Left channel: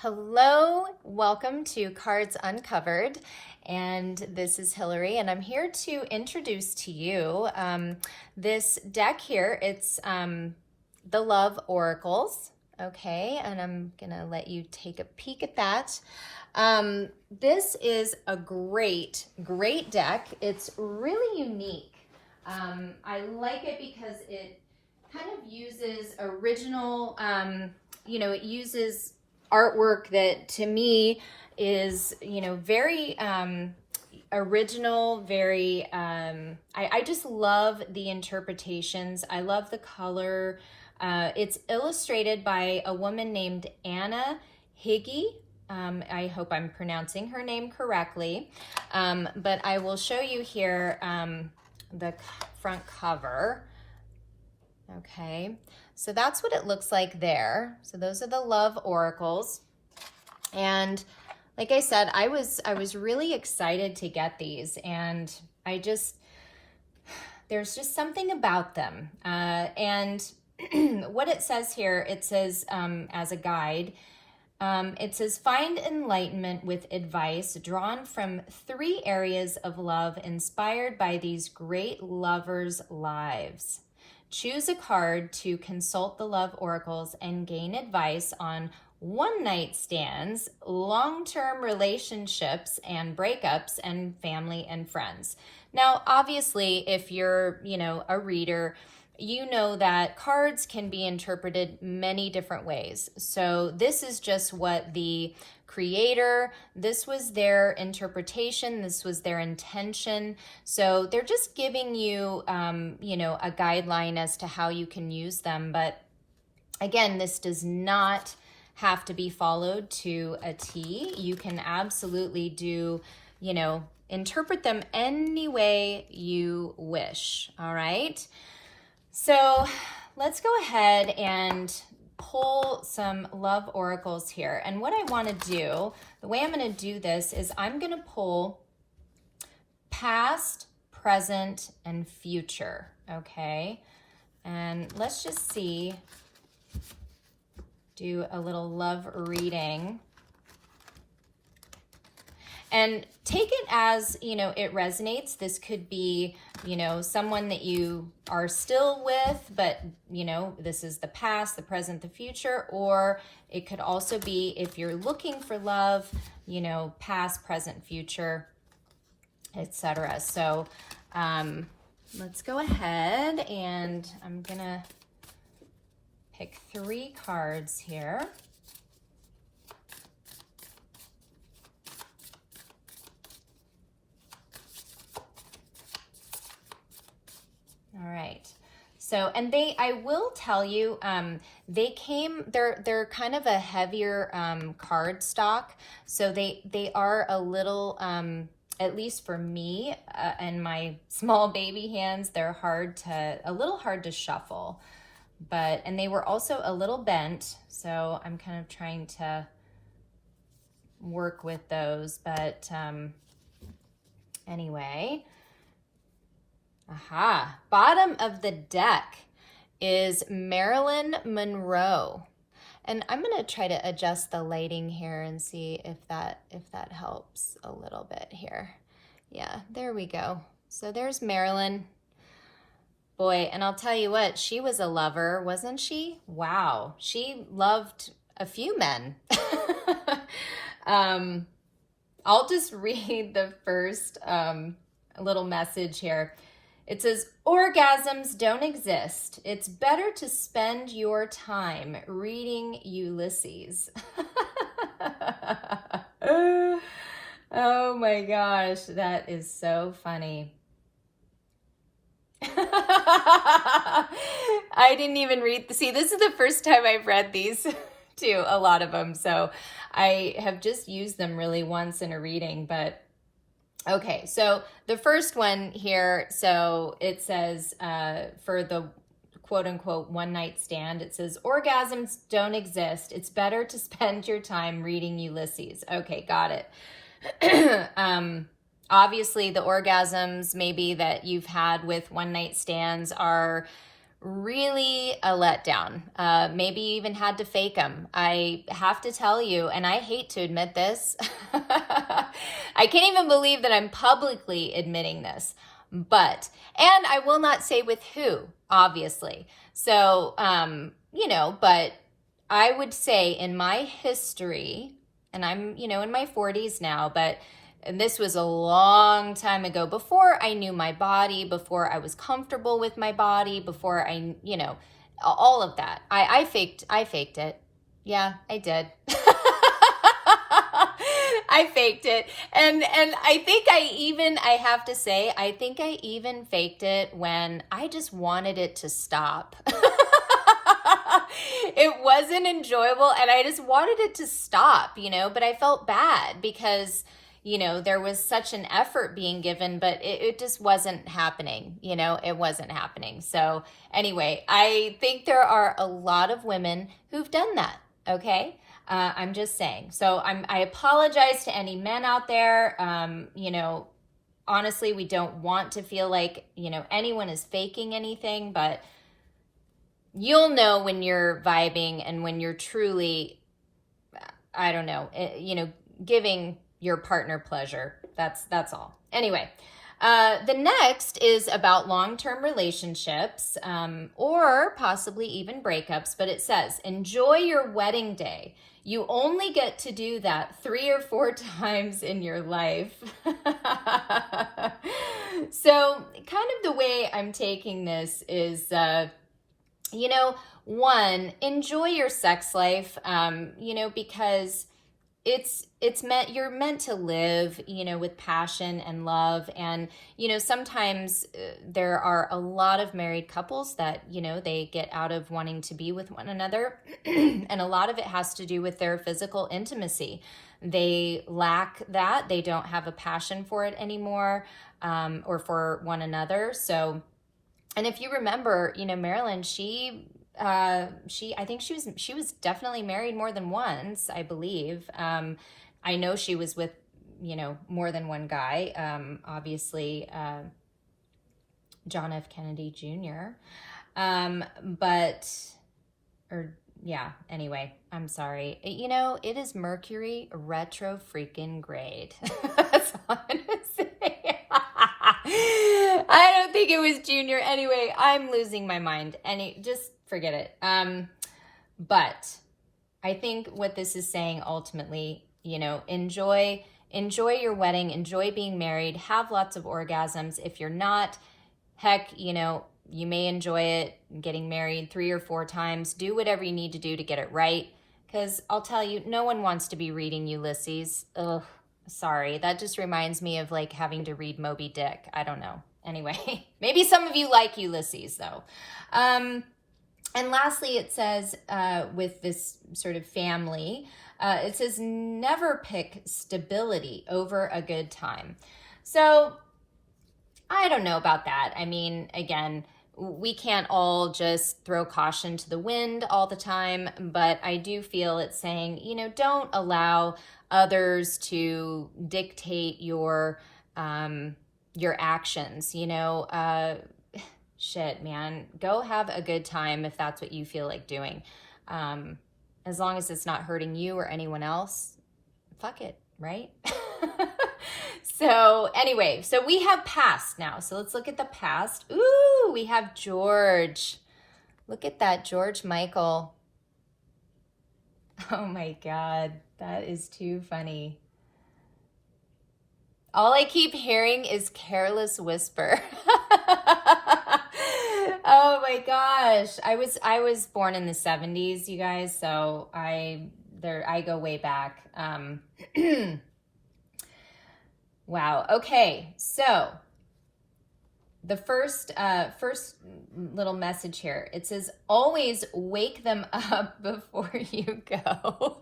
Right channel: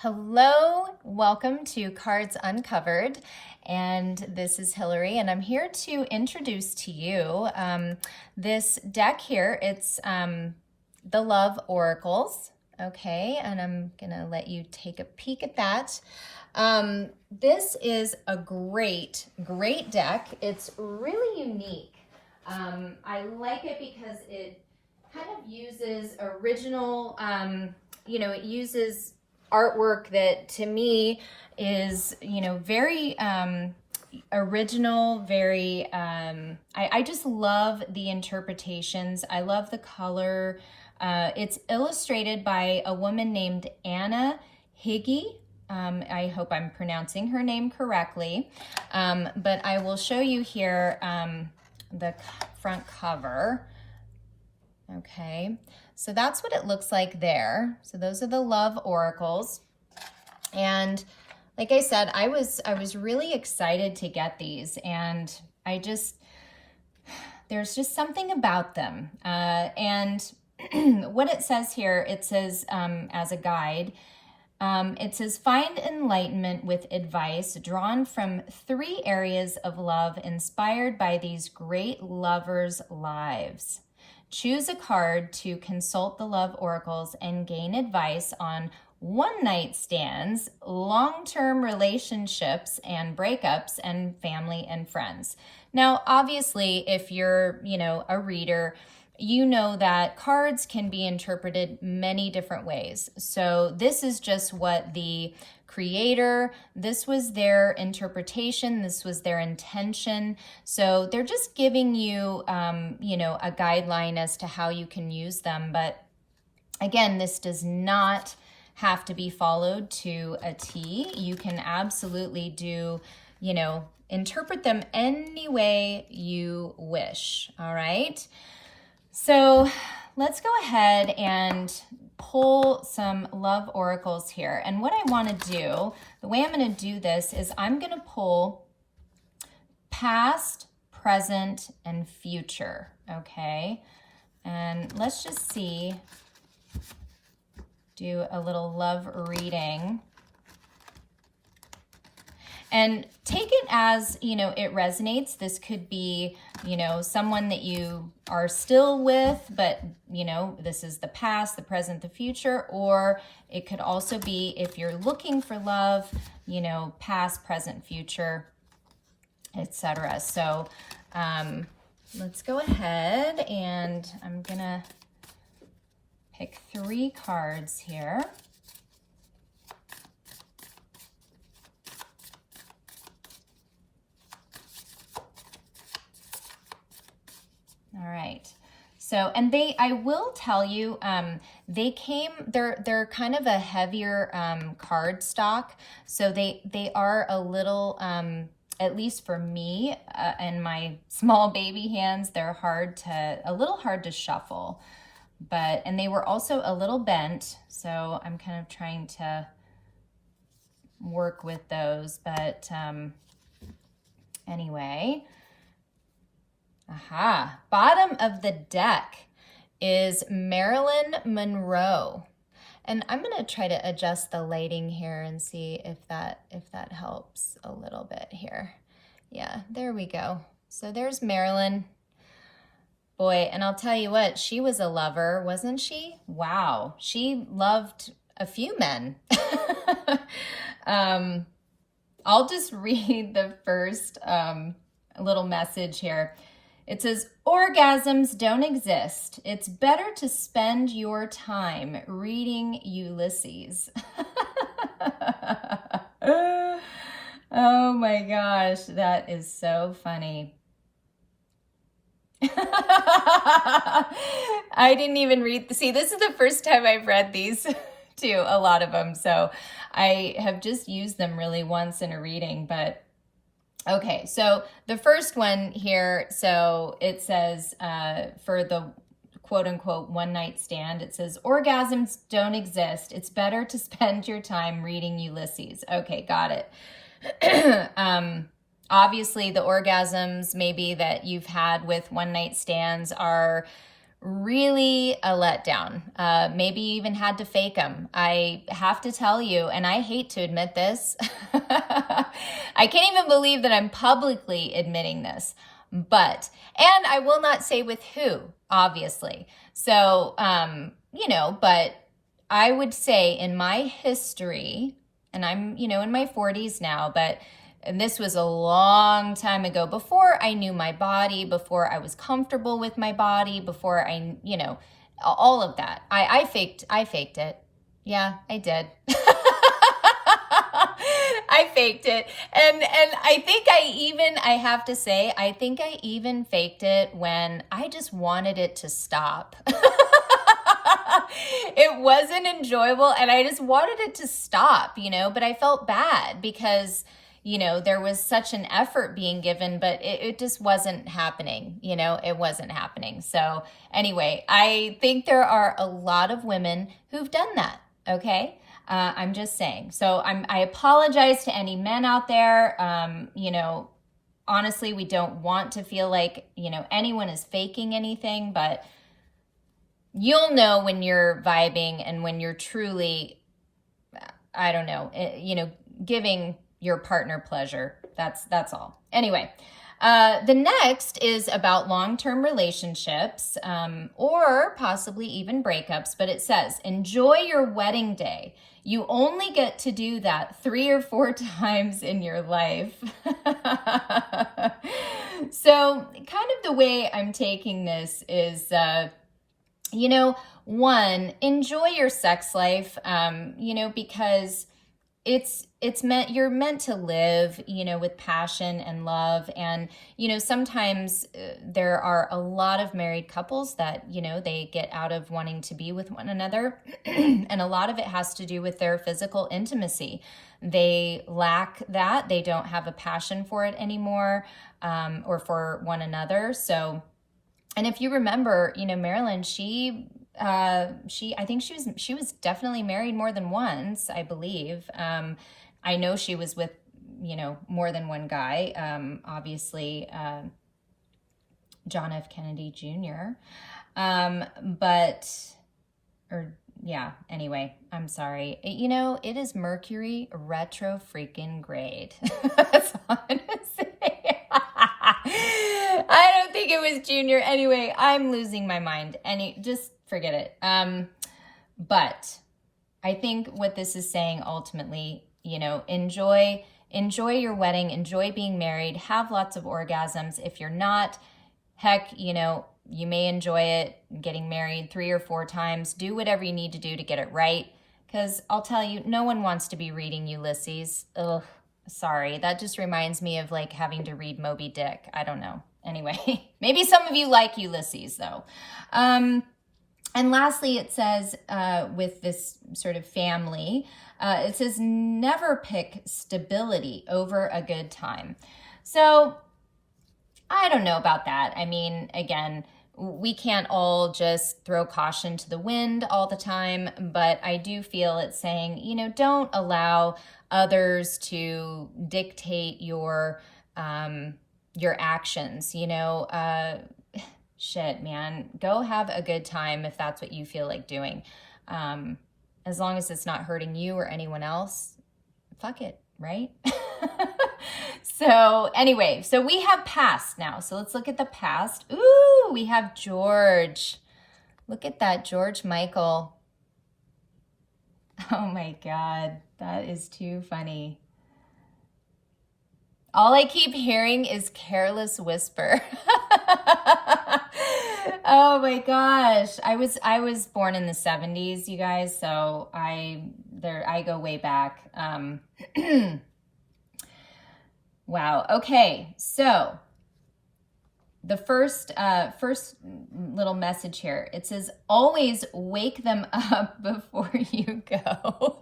Hello, welcome to Cards Uncovered, and this is Hilary, and I'm here to introduce to you this deck here. It's the Love Oracles, okay, and I'm gonna let you take a peek at that. This is a great deck. It's really unique. I like it because it kind of uses original, it uses artwork that to me is, very original, very, I just love the interpretations. I love the color. It's illustrated by a woman named Anna Higgy. I hope I'm pronouncing her name correctly, but I will show you here the front cover. Okay, so that's what it looks like there. So those are the Love Oracles. And like I said, I was really excited to get these, and there's just something about them. And what it says here, it says as a guide, it says, find enlightenment with advice drawn from 3 areas of love inspired by these great lovers' lives. Choose a card to consult the Love Oracles and gain advice on one-night stands, long-term relationships and breakups, and family and friends. Now, obviously, if you're, a reader, you know that cards can be interpreted many different ways. So this is just what the creator, this was their interpretation, this was their intention. So they're just giving you, a guideline as to how you can use them. But again, this does not have to be followed to a T. You can absolutely do, interpret them any way you wish, all right? So let's go ahead and pull some Love Oracles here. And what I want to do, the way I'm going to do this is I'm going to pull past, present, and future, okay? And let's just see, do a little love reading. And take it as, it resonates. This could be, someone that you are still with, but, this is the past, the present, the future. Or it could also be if you're looking for love, past, present, future, etc. So let's go ahead, and I'm going to pick 3 cards here. All right. So, and I will tell you, they're kind of a heavier card stock. So they are a little, at least for me and my small baby hands, they're a little hard to shuffle. And they were also a little bent. So I'm kind of trying to work with those. But anyway. Aha, bottom of the deck is Marilyn Monroe. And I'm going to try to adjust the lighting here and see if that helps a little bit here. Yeah, there we go. So there's Marilyn. Boy, and I'll tell you what, she was a lover, wasn't she? Wow, she loved a few men. I'll just read the first little message here. It says, orgasms don't exist. It's better to spend your time reading Ulysses. Oh my gosh, that is so funny. I didn't even read, see, this is the first time I've read these too, a lot of them. So I have just used them really once in a reading, but okay, so the first one here, so it says for the quote-unquote one-night stand, it says, orgasms don't exist. It's better to spend your time reading Ulysses. Okay, got it. Obviously, the orgasms maybe that you've had with one-night stands are really a letdown. Maybe even had to fake them. I have to tell you, and I hate to admit this, I can't even believe that I'm publicly admitting this, but, and I will not say with who, obviously. So, but I would say in my history, and I'm, in my 40s now, but and this was a long time ago, before I knew my body, before I was comfortable with my body, before I, all of that. I faked it. Yeah, I did. I faked it. And I think I have to say, I think I even faked it when I just wanted it to stop. It wasn't enjoyable and I just wanted it to stop, but I felt bad because there was such an effort being given, but it just wasn't happening, it wasn't happening. So anyway, I think there are a lot of women who've done that, okay? I'm just saying. So I apologize to any men out there. Honestly, we don't want to feel like, anyone is faking anything, but you'll know when you're vibing and when you're truly, I don't know, giving your partner pleasure. That's all. Anyway, the next is about long-term relationships, or possibly even breakups, but it says, enjoy your wedding day. You only get to do that 3 or 4 times in your life. So kind of the way I'm taking this is, one, enjoy your sex life, because you're meant to live, with passion and love. And, sometimes there are a lot of married couples that, they get out of wanting to be with one another. And a lot of it has to do with their physical intimacy. They lack that. They don't have a passion for it anymore, or for one another. So, and if you remember, Marilyn, I think she was definitely married more than once, I believe. I know she was with, more than one guy. Obviously, John F. Kennedy Jr. Anyway, I'm sorry. It is Mercury retro freaking grade. That's all I'm gonna say. I don't think it was Junior. Anyway, I'm losing my mind. Just forget it. But I think what this is saying ultimately, enjoy your wedding, enjoy being married, have lots of orgasms. If you're not, heck, you may enjoy it getting married 3 or 4 times. Do whatever you need to do to get it right. Because I'll tell you, no one wants to be reading Ulysses. Ugh, sorry. That just reminds me of like having to read Moby Dick. I don't know. Anyway, maybe some of you like Ulysses though. And lastly, it says, with this sort of family, it says, never pick stability over a good time. So I don't know about that. I mean, again, we can't all just throw caution to the wind all the time, but I do feel it's saying, don't allow others to dictate your actions, shit, man, go have a good time if that's what you feel like doing. As long as it's not hurting you or anyone else, fuck it, right? So anyway, so we have past now. So let's look at the past. Ooh, we have George. Look at that, George Michael. Oh my God, that is too funny. All I keep hearing is Careless Whisper. Oh my gosh. I was born in the 70s, you guys, so I go way back. Wow. Okay. So the first little message here, it says, always wake them up before you go.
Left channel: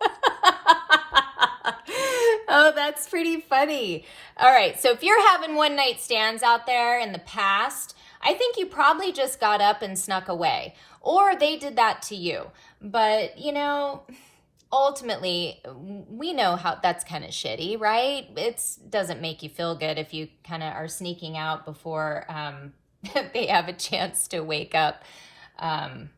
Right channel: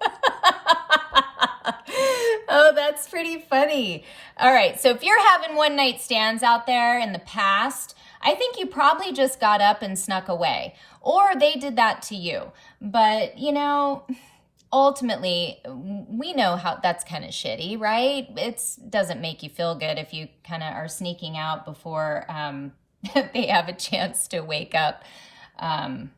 Oh, that's pretty funny. All right. So if you're having one night stands out there in the past, I think you probably just got up and snuck away, or they did that to you. But, ultimately, we know how that's kind of shitty, right? It doesn't make you feel good if you kind of are sneaking out before they have a chance to wake up. But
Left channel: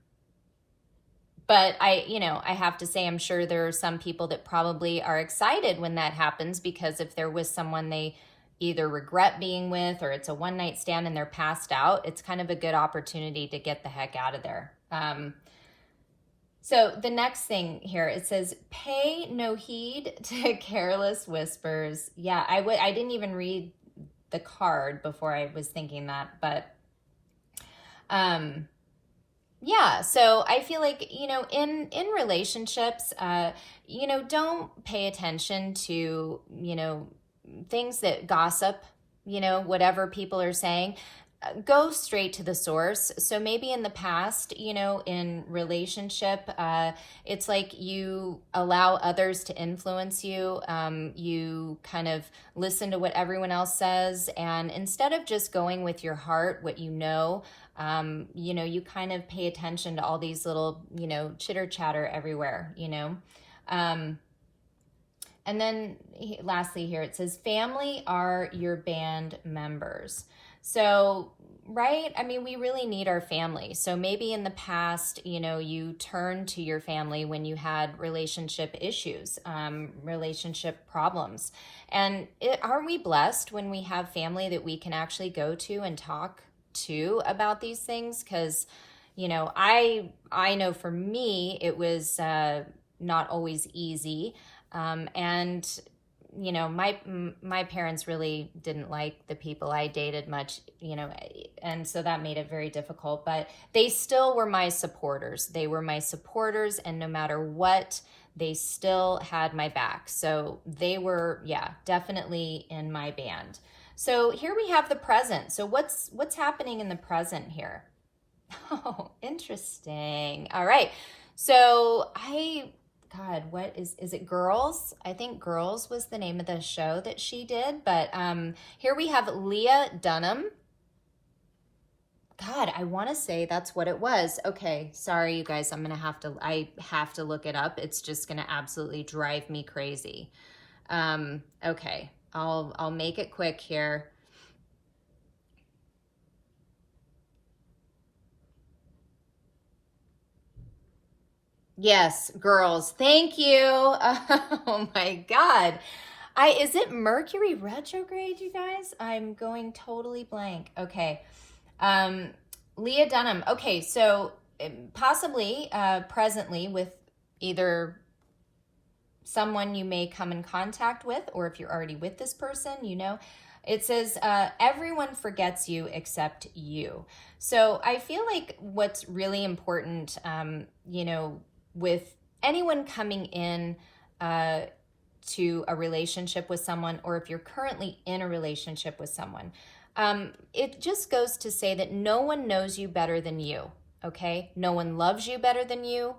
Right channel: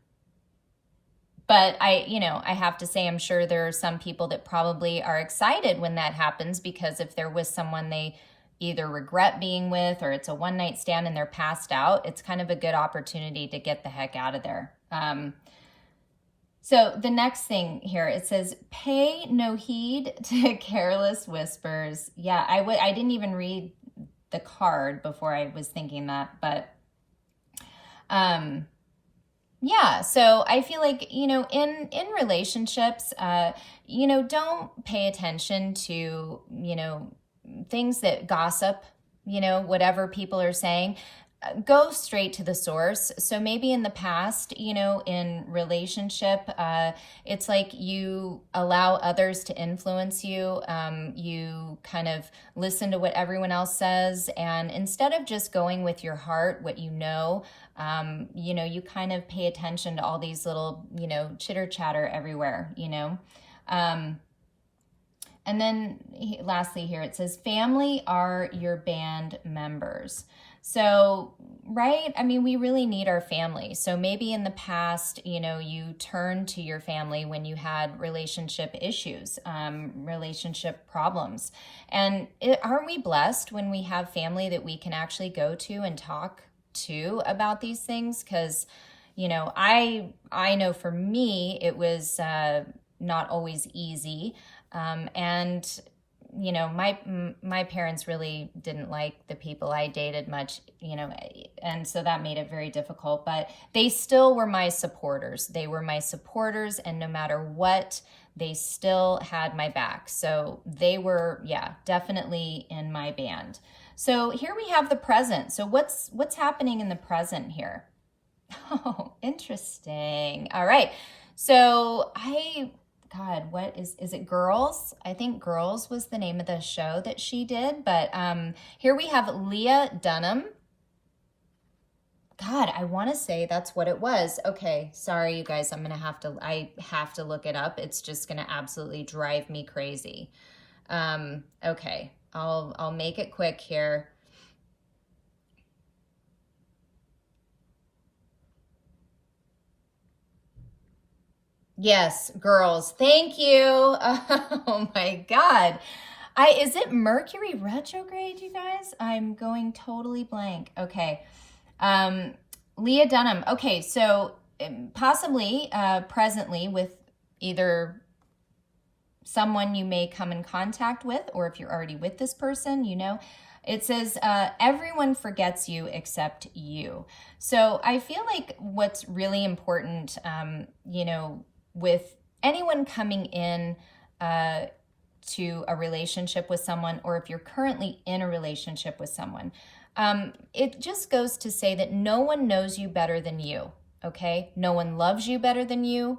I have to say, I'm sure there are some people that probably are excited when that happens, because if they're with someone they either regret being with, or it's a one night stand and they're passed out, it's kind of a good opportunity to get the heck out of there. So the next thing here, it says, pay no heed to careless whispers. Yeah, I didn't even read the card before I was thinking that, but yeah, so I feel like, in relationships, don't pay attention to, things that gossip, whatever people are saying. Go straight to the source. So maybe in the past, in relationship, it's like you allow others to influence you. You kind of listen to what everyone else says. And instead of just going with your heart, what you kind of pay attention to all these little, chitter chatter everywhere, And then lastly here, it says, family are your band members. So, right, I mean, we really need our family. So maybe in the past, you turned to your family when you had relationship issues, relationship problems. And aren't we blessed when we have family that we can actually go to and talk to about these things? Because, I know for me, it was not always easy. And my parents really didn't like the people I dated much, and so that made it very difficult, but they still were my supporters. They were my supporters, and no matter what, they still had my back. So they were, definitely in my band. So here we have the present. So what's happening in the present here? Oh, interesting. All right. So God, what is it Girls? I think Girls was the name of the show that she did. But here we have Leah Dunham. God, I want to say that's what it was. Okay, sorry, you guys. I have to look it up. It's just going to absolutely drive me crazy. Okay, I'll make it quick here. Yes, Girls. Thank you. Oh my God. Is it Mercury retrograde, you guys? I'm going totally blank. Okay. Leah Dunham. Okay, so possibly presently with either someone you may come in contact with, or if you're already with this person, it says, everyone forgets you except you. So I feel like what's really important, with anyone coming in to a relationship with someone, or if you're currently in a relationship with someone, it just goes to say that no one knows you better than you, okay? No one loves you better than you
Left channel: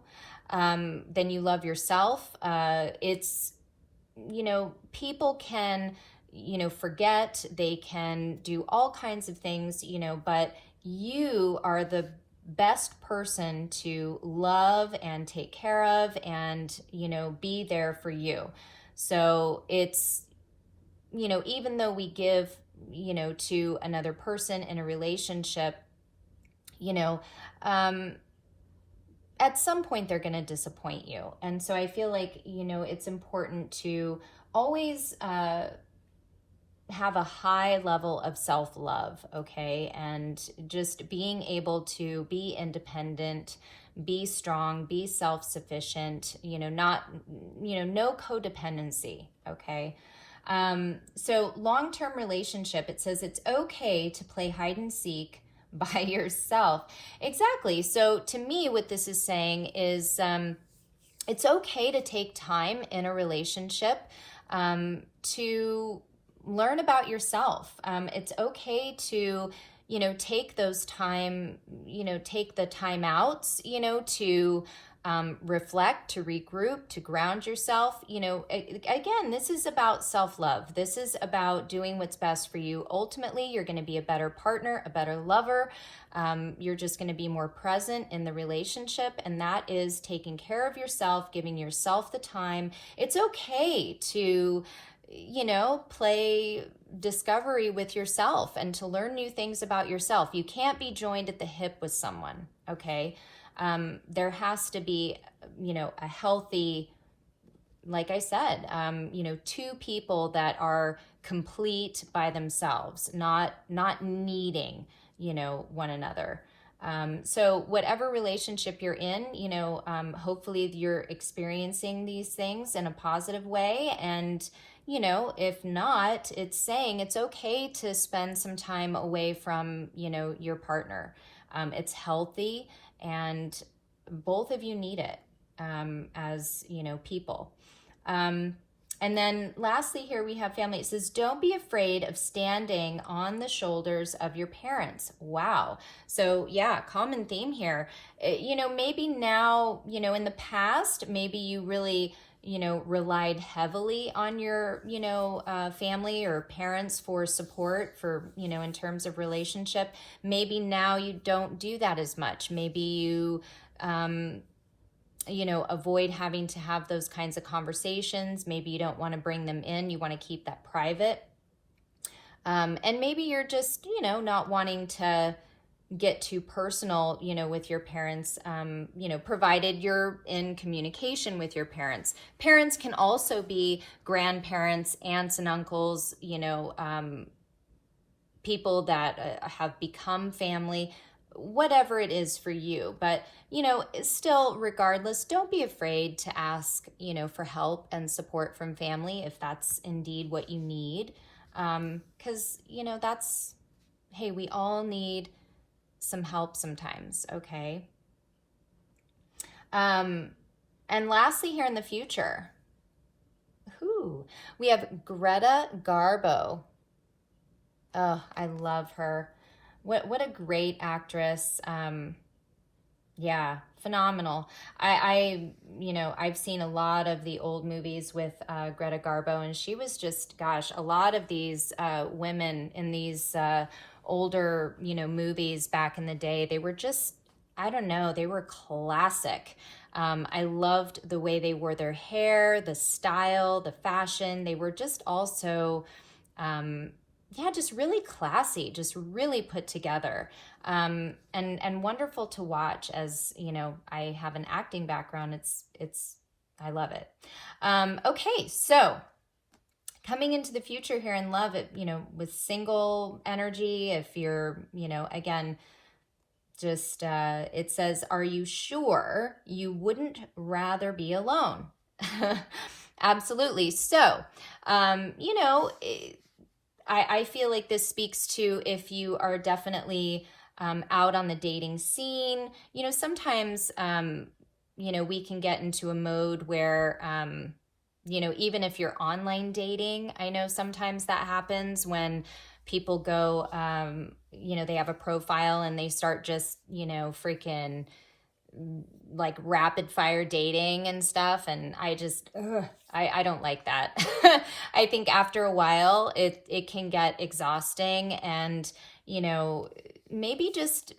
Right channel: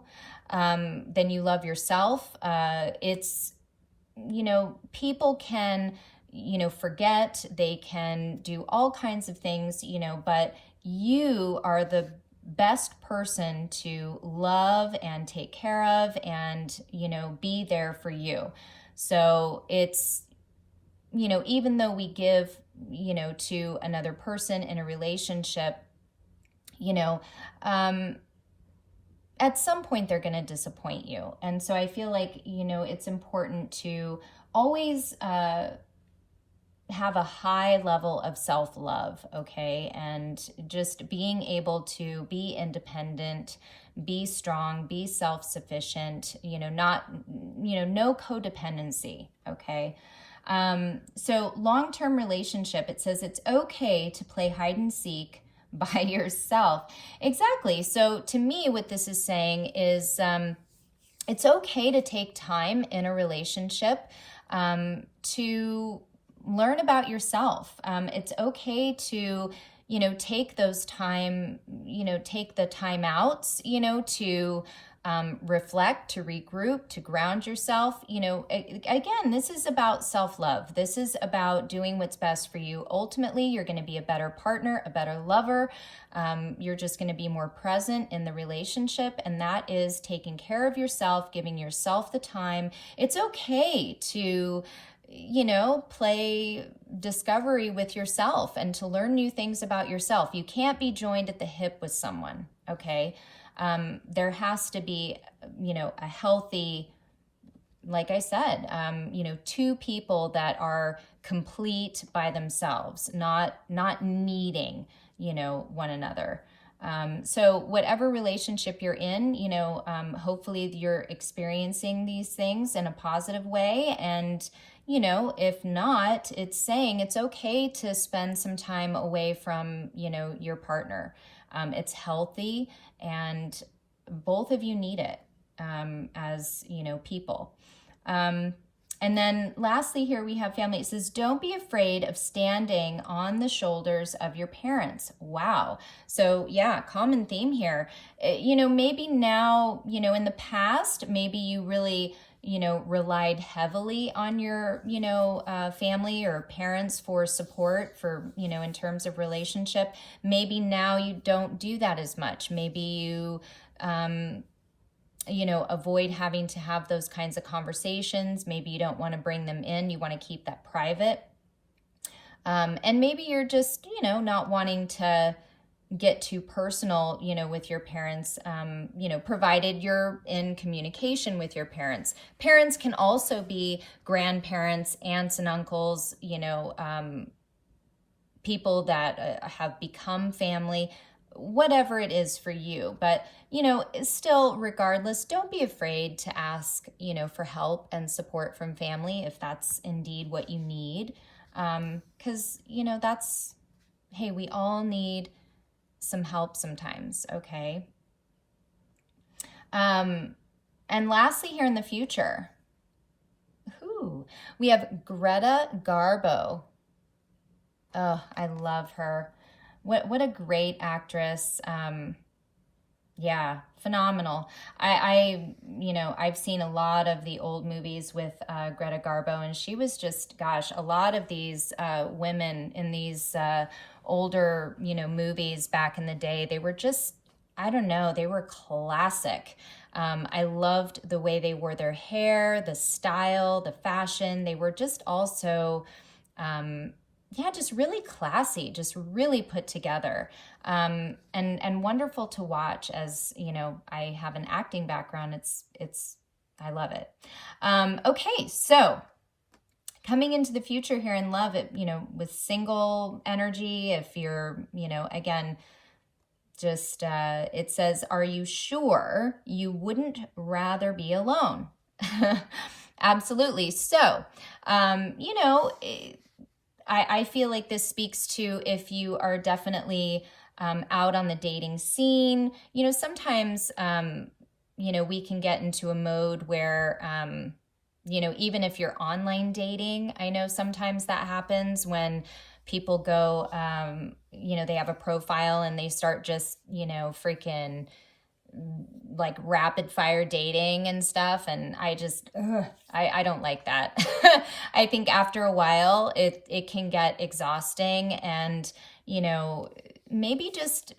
love yourself. It's, people can, forget, they can do all kinds of things, but you are the best person to love and take care of and, be there for you. So it's, even though we give, to another person in a relationship, at some point they're going to disappoint you. And so I feel like, it's important to always, have a high level of self-love, okay? And just being able to be independent, be strong, be self-sufficient, no codependency, okay? So long-term relationship, it says it's okay to play hide and seek by yourself. Exactly. So to me, what this is saying is it's okay to take time in a relationship to learn about yourself. It's okay to, take those take the time outs, to reflect, to regroup, to ground yourself. Again, this is about self-love. This is about doing what's best for you. Ultimately, you're going to be a better partner, a better lover. You're just going to be more present in the relationship. And that is taking care of yourself, giving yourself the time. It's okay to play discovery with yourself and to learn new things about yourself. You can't be joined at the hip with someone, okay? There has to be, a healthy, like I said, two people that are complete by themselves, not needing, one another. So whatever relationship you're in, hopefully you're experiencing these things in a positive way. And, if not, it's saying it's okay to spend some time away from, your partner. It's healthy, and both of you need it, as, people. And then lastly, here we have family. It says, don't be afraid of standing on the shoulders of your parents. Wow. So yeah, common theme here. Maybe now, in the past, maybe you really, relied heavily on your, family or parents for support for, in terms of relationship. Maybe now you don't do that as much. Maybe you, avoid having to have those kinds of conversations. Maybe you don't want to bring them in. You want to keep that private. And maybe you're just, not wanting to get too personal, with your parents, provided you're in communication with your parents. Parents can also be grandparents, aunts and uncles, people that have become family, whatever it is for you. But, still, regardless, don't be afraid to ask, for help and support from family if that's indeed what you need. 'Cause, hey, we all need some help sometimes, okay? And lastly, here in the future, we have Greta Garbo. Oh, I love her. What a great actress. Yeah, phenomenal. I've seen a lot of the old movies with Greta Garbo, and she was just, gosh, a lot of these women in these older, movies back in the day, they were just, I don't know, they were classic. I loved the way they wore their hair, the style, the fashion. They were just also, just really classy, just really put together, and wonderful to watch. As I have an acting background. It's I love it. Okay, so coming into the future here in love, with single energy, if you're, again, just it says, are you sure you wouldn't rather be alone? Absolutely. So, I feel like this speaks to if you are definitely out on the dating scene. Sometimes, we can get into a mode where, even if you're online dating, I know sometimes that happens when people go, they have a profile and they start just, freaking like rapid fire dating and stuff. And I just, I don't like that. I think after a while it can get exhausting, and, maybe just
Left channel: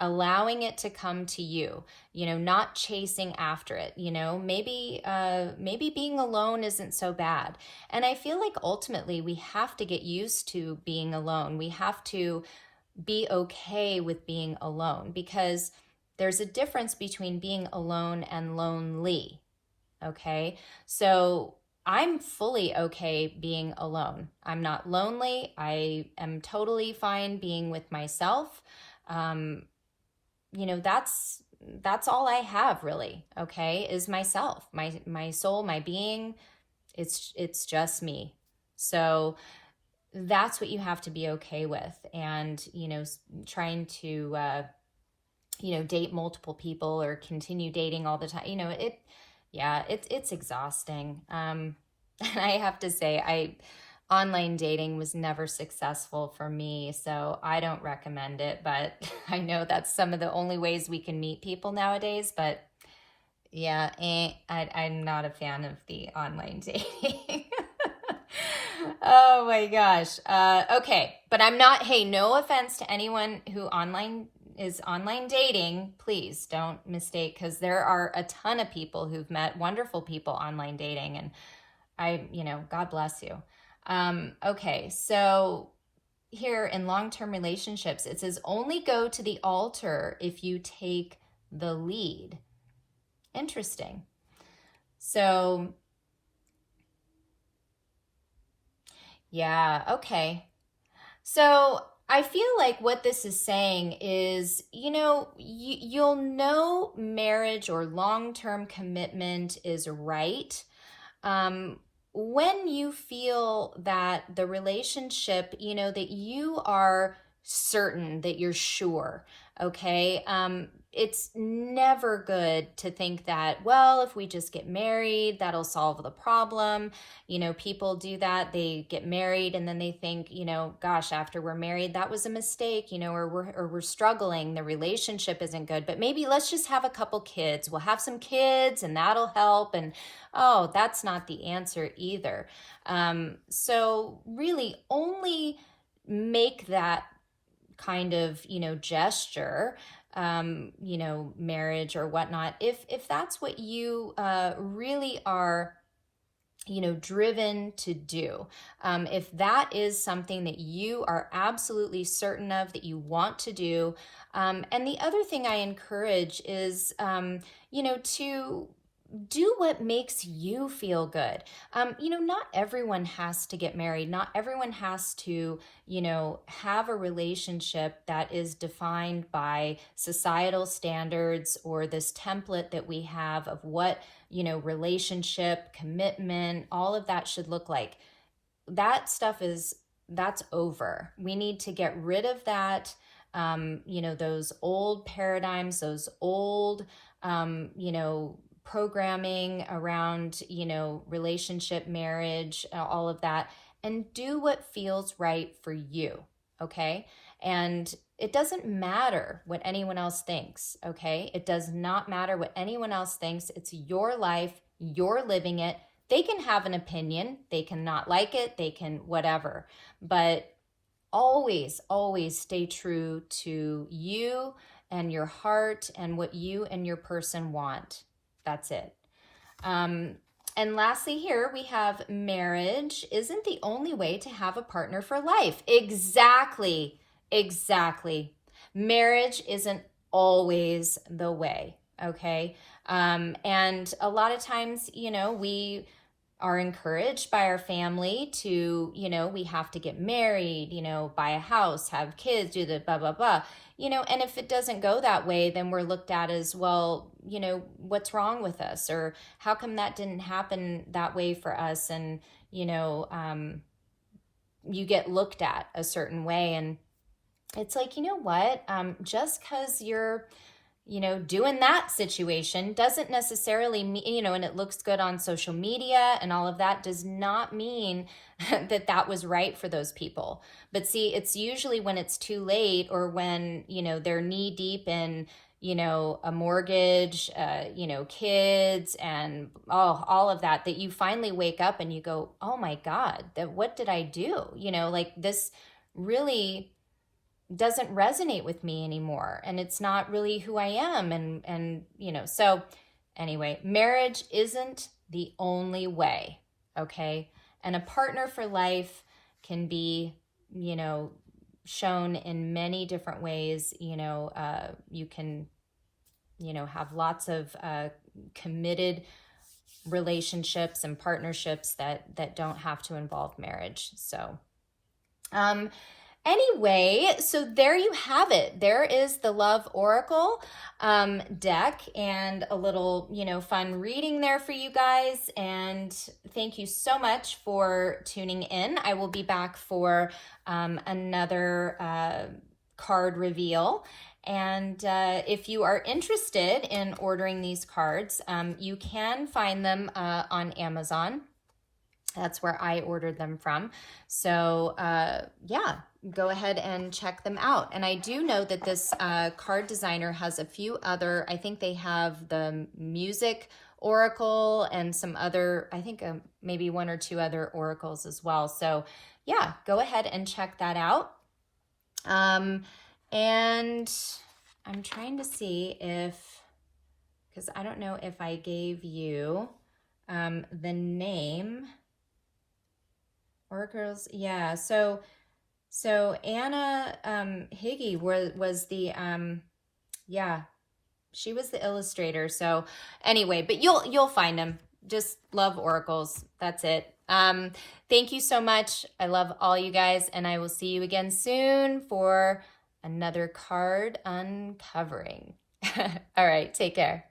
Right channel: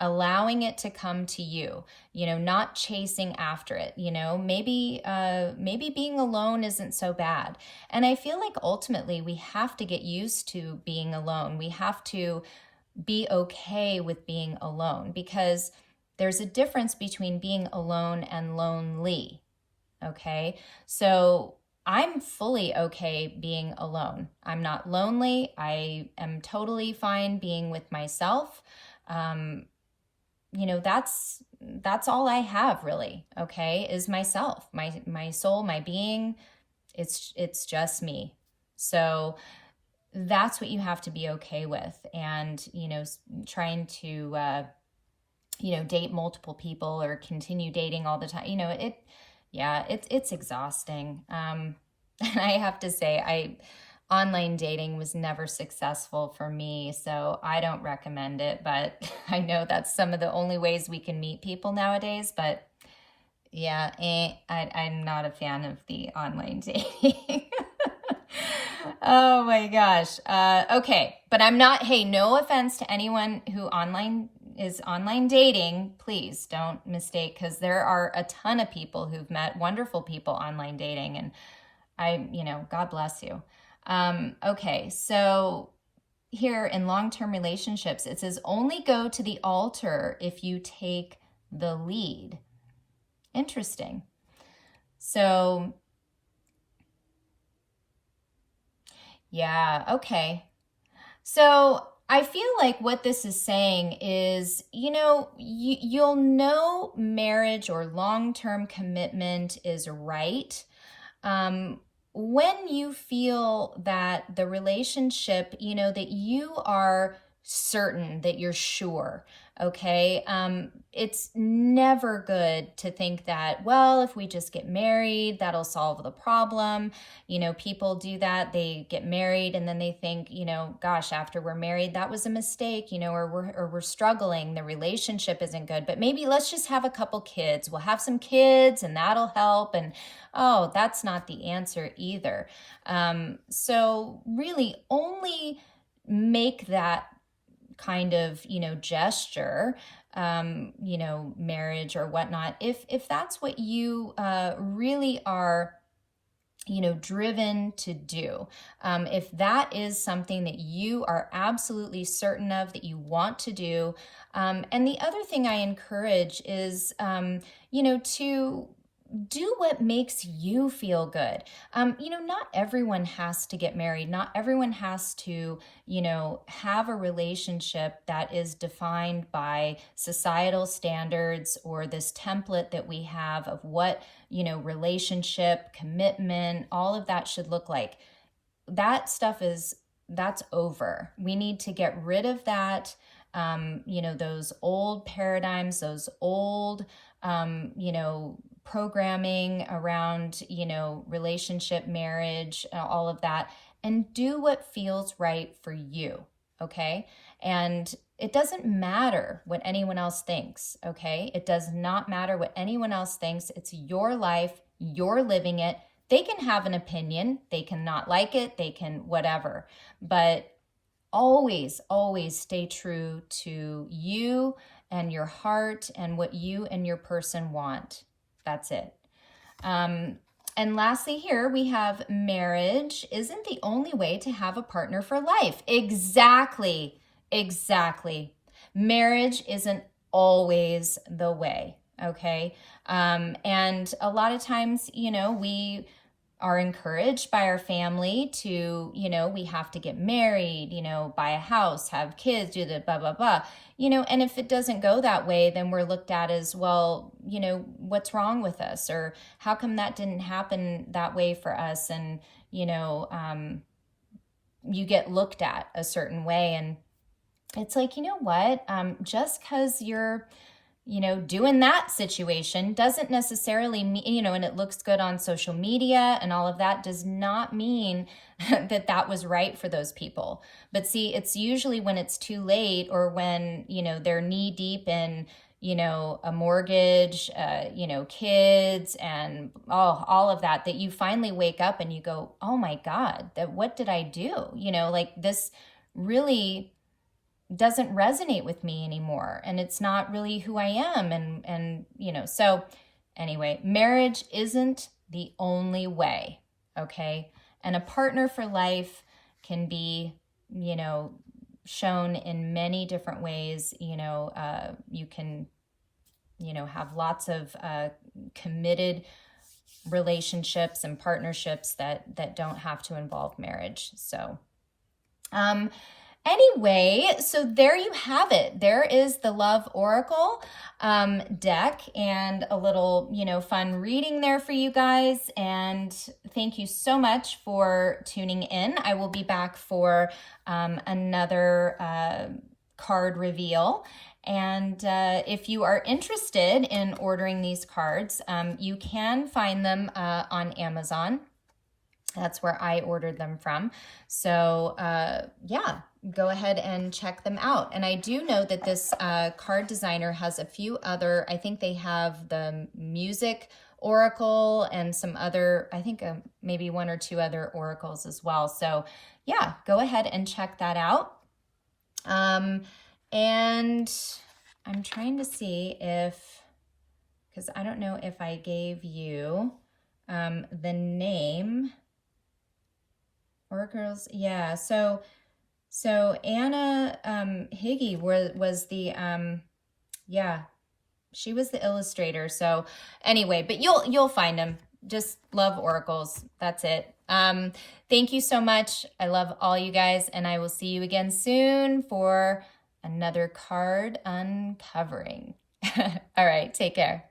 allowing it to come to you, not chasing after it, maybe being alone isn't so bad. And I feel like ultimately we have to get used to being alone. We have to be okay with being alone, because there's a difference between being alone and lonely. Okay. So I'm fully okay being alone. I'm not lonely. I am totally fine being with myself. That's all I have really, okay, is myself, my soul, my being. It's just me. So that's what you have to be okay with. And, trying to, date multiple people or continue dating all the time, it's exhausting. And I have to say, online dating was never successful for me, so I don't recommend it, but I know that's some of the only ways we can meet people nowadays. But yeah, I'm not a fan of the online dating. Oh my gosh. Okay, but I'm not, hey, no offense to anyone who is online dating. Please don't mistake, because there are a ton of people who've met wonderful people online dating, and God bless you. Okay, so here in long-term relationships, it says only go to the altar if you take the lead. Interesting. So, yeah, okay. So I feel like what this is saying is, you'll know marriage or long-term commitment is right when you feel that the relationship, that you are certain, that you're sure, okay? It's never good to think that, well, if we just get married, that'll solve the problem. People do that. They get married and then they think, gosh, after we're married, that was a mistake, or we're struggling. The relationship isn't good, but maybe let's just have a couple kids. We'll have some kids and that'll help. And oh, that's not the answer either. So really only make that kind of, gesture, marriage or whatnot, if that's what you really are, driven to do. If that is something that you are absolutely certain of, that you want to do. And the other thing I encourage is, to do what makes you feel good. Not everyone has to get married. Not everyone has to, have a relationship that is defined by societal standards or this template that we have of what, relationship, commitment, all of that should look like. That stuff that's over. We need to get rid of that. Those old paradigms, those old, programming around, relationship, marriage, all of that, and do what feels right for you. Okay. And it doesn't matter what anyone else thinks. Okay. It does not matter what anyone else thinks. It's your life. You're living it. They can have an opinion. They can not like it. They can whatever, but always, always stay true to you and your heart and what you and your person want. That's it. And lastly, here we have marriage isn't the only way to have a partner for life. Exactly. Exactly. Marriage isn't always the way. Okay. And a lot of times, we are encouraged by our family to, we have to get married, buy a house, have kids, do the blah, blah, blah, and if it doesn't go that way, then we're looked at as, well, what's wrong with us? Or how come that didn't happen that way for us? And, you get looked at a certain way. And it's like, what? Just because you're, doing that situation doesn't necessarily mean, and it looks good on social media and all of that, does not mean that was right for those people. But see, it's usually when it's too late, or when, they're knee deep in, a mortgage, kids and all of that, that you finally wake up and you go, oh my God, what did I do? Like this really doesn't resonate with me anymore, and it's not really who I am. And so anyway, marriage isn't the only way. Okay. And a partner for life can be, shown in many different ways. You can, have lots of committed relationships and partnerships that don't have to involve marriage. So, anyway, so there you have it. There is the Love Oracle deck, and a little, fun reading there for you guys. And thank you so much for tuning in. I will be back for another card reveal. And if you are interested in ordering these cards, you can find them on Amazon. That's where I ordered them from. So yeah, go ahead and check them out. And I do know that this card designer has a few other, I think they have the music oracle and some other, I think maybe one or two other oracles as well. So yeah, go ahead and check that out. And I'm trying to see because I don't know if I gave you the name Oracles, yeah. So Anna Higgy was the yeah, she was the illustrator. So anyway, but you'll find them. Just love oracles. That's it. Thank you so much. I love all you guys, and I will see you again soon for another card uncovering. All right, take care.